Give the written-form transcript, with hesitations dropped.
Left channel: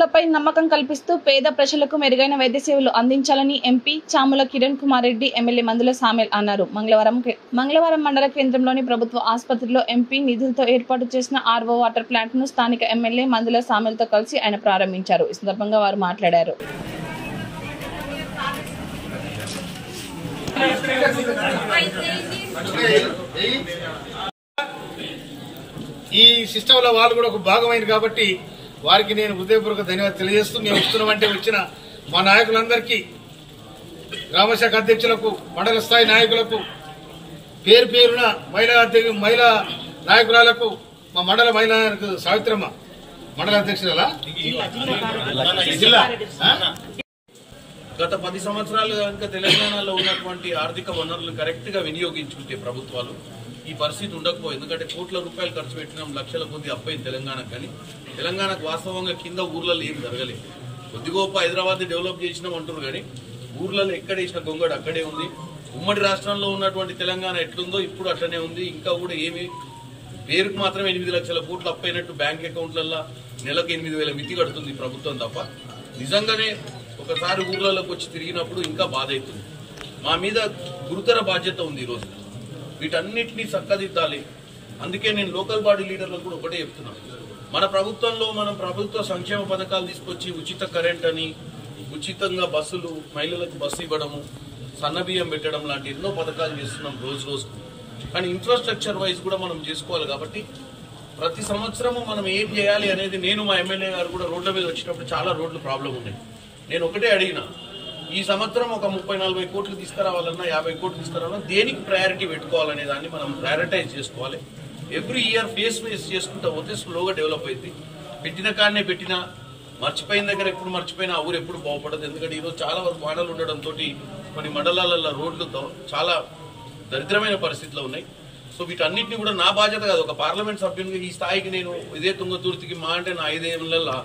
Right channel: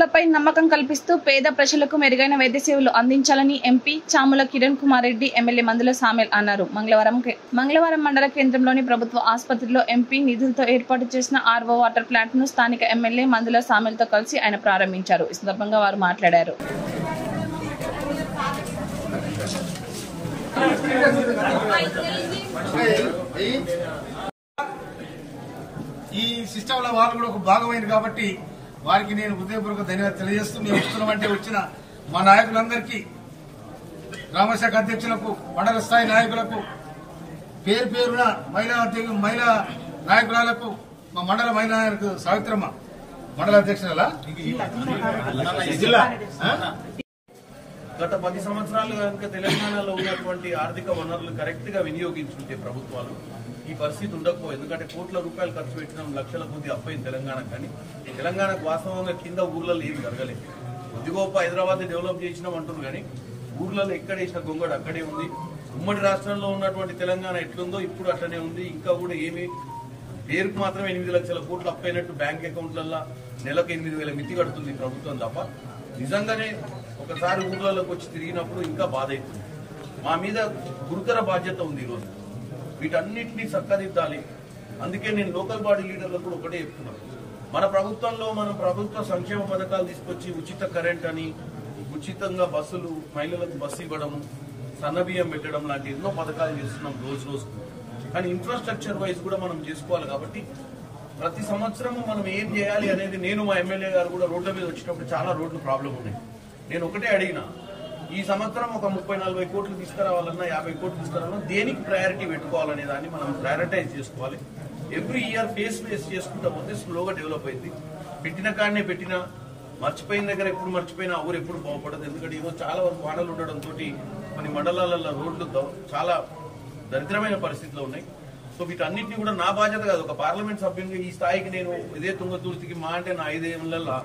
వైద్యులపై నమ్మకం కల్పిస్తూ పేద ప్రజలకు మెరుగైన వైద్య సేవలు అందించాలని ఎంపీ చాముల కిరణ్ కుమార్ రెడ్డి ఎమ్మెల్యే మందుల సామెల్ అన్నారు. మంగళవారం మండల కేంద్రంలోని ప్రభుత్వ ఆసుపత్రిలో ఎంపీ నిధులతో ఏర్పాటు చేసిన ఆర్వో వాటర్ ప్లాంట్ ను స్థానిక ఎమ్మెల్యే మందుల సామెల్ తో కలిసి ఆయన ప్రారంభించారు. ఈ సందర్భంగా వారు మాట్లాడారు. ఈ సిస్టంలో వాళ్ళు కూడా ఒక భాగమైంది కాబట్టి వారికి నేను హృదయపూర్వక ధన్యవాదాలు తెలియజేస్తూ మేము వస్తున్నామంటే వచ్చిన మా నాయకులందరికీ, గ్రామశాఖ అధ్యక్షులకు, మండల స్థాయి నాయకులకు, పేరు పేరున మహిళా నాయకురాలకు, మా మండల మహిళా సావిత్రమ్మ మండల అధ్యక్షుల జిల్లా గత 10 సంవత్సరాలు కనుక తెలంగాణలో ఉన్నటువంటి ఆర్థిక వనరులు కరెక్ట్ గా వినియోగించుంటే ప్రభుత్వాలు ఈ పరిస్థితి ఉండకపోయి. ఎందుకంటే కోట్ల రూపాయలు ఖర్చు పెట్టినాం, లక్షల కొద్ది అప్పైంది తెలంగాణకు. కానీ తెలంగాణకు వాస్తవంగా కింద ఊర్లలో ఏం జరగలేదు. కొద్దిగోప హైదరాబాద్ డెవలప్ చేసినాం అంటున్నారు కానీ ఊర్లలో ఎక్కడ వేసిన గొంగడు అక్కడే ఉంది. ఉమ్మడి రాష్ట్రంలో ఉన్నటువంటి తెలంగాణ ఎట్లుందో ఇప్పుడు అట్లనే ఉంది. ఇంకా కూడా ఏమి పేరుకు మాత్రమే 8 లక్షల కోట్లు అప్పైనట్టు బ్యాంక్ అకౌంట్లలో నెలకు 8,000 మితి కడుతుంది ప్రభుత్వం తప్ప. నిజంగానే ఒకసారి ఊర్లలోకి వచ్చి తిరిగినప్పుడు ఇంకా బాధ అవుతుంది. మా మీద గురుతర బాధ్యత ఉంది. ఈరోజు వీటన్నిటినీ చక్కదిద్దాలి. అందుకే నేను లోకల్ బాడీ లీడర్లకు కూడా ఒకటే చెప్తున్నాను. మన ప్రభుత్వంలో మనం ప్రభుత్వ సంక్షేమ పథకాలు తీసుకొచ్చి ఉచిత కరెంట్ అని, ఉచితంగా బస్సులు, మహిళలకు బస్సు ఇవ్వడము, సన్నబియ్యం పెట్టడం లాంటి ఎన్నో పథకాలు చేస్తున్నాం రోజు రోజుకు. కానీ ఇన్ఫ్రాస్ట్రక్చర్ వైజ్ కూడా మనం చేసుకోవాలి. కాబట్టి ప్రతి సంవత్సరము మనం ఏం చేయాలి అనేది నేను మా ఎమ్మెల్యే గారు కూడా రోడ్ల మీద వచ్చినప్పుడు చాలా రోడ్లు ప్రాబ్లం ఉన్నాయి. నేను ఒకటే అడిగిన, ఈ సంవత్సరం ఒక 30-40 కోట్లు తీసుకురావాలన్నా, 50 కోట్లు తీసుకురావాలన్నా దేనికి ప్రయారిటీ పెట్టుకోవాలనే దాన్ని మనం ప్రయారిటైజ్ చేసుకోవాలి. ఎవ్రీ ఇయర్ ఫేస్ చేసుకుంటా పోతే స్లోగా డెవలప్ అయింది. పెట్టిన కాడనే పెట్టినా, మర్చిపోయిన దగ్గర ఎప్పుడు మర్చిపోయినా ఆ ఊరు ఎప్పుడు బాగుపడదు. ఎందుకంటే ఈరోజు చాలా వరకు వాడలు ఉండడంతో కొన్ని మండలాలలో రోడ్లు చాలా దరిద్రమైన పరిస్థితిలో ఉన్నాయి. సో వీటన్నిటిని కూడా నా బాధ్యత కాదు, ఒక పార్లమెంట్ సభ్యునిగా ఈ స్థాయికి నేను ఇదే తుంగతుర్తికి మా అంటే నా 5 ఏళ్లలో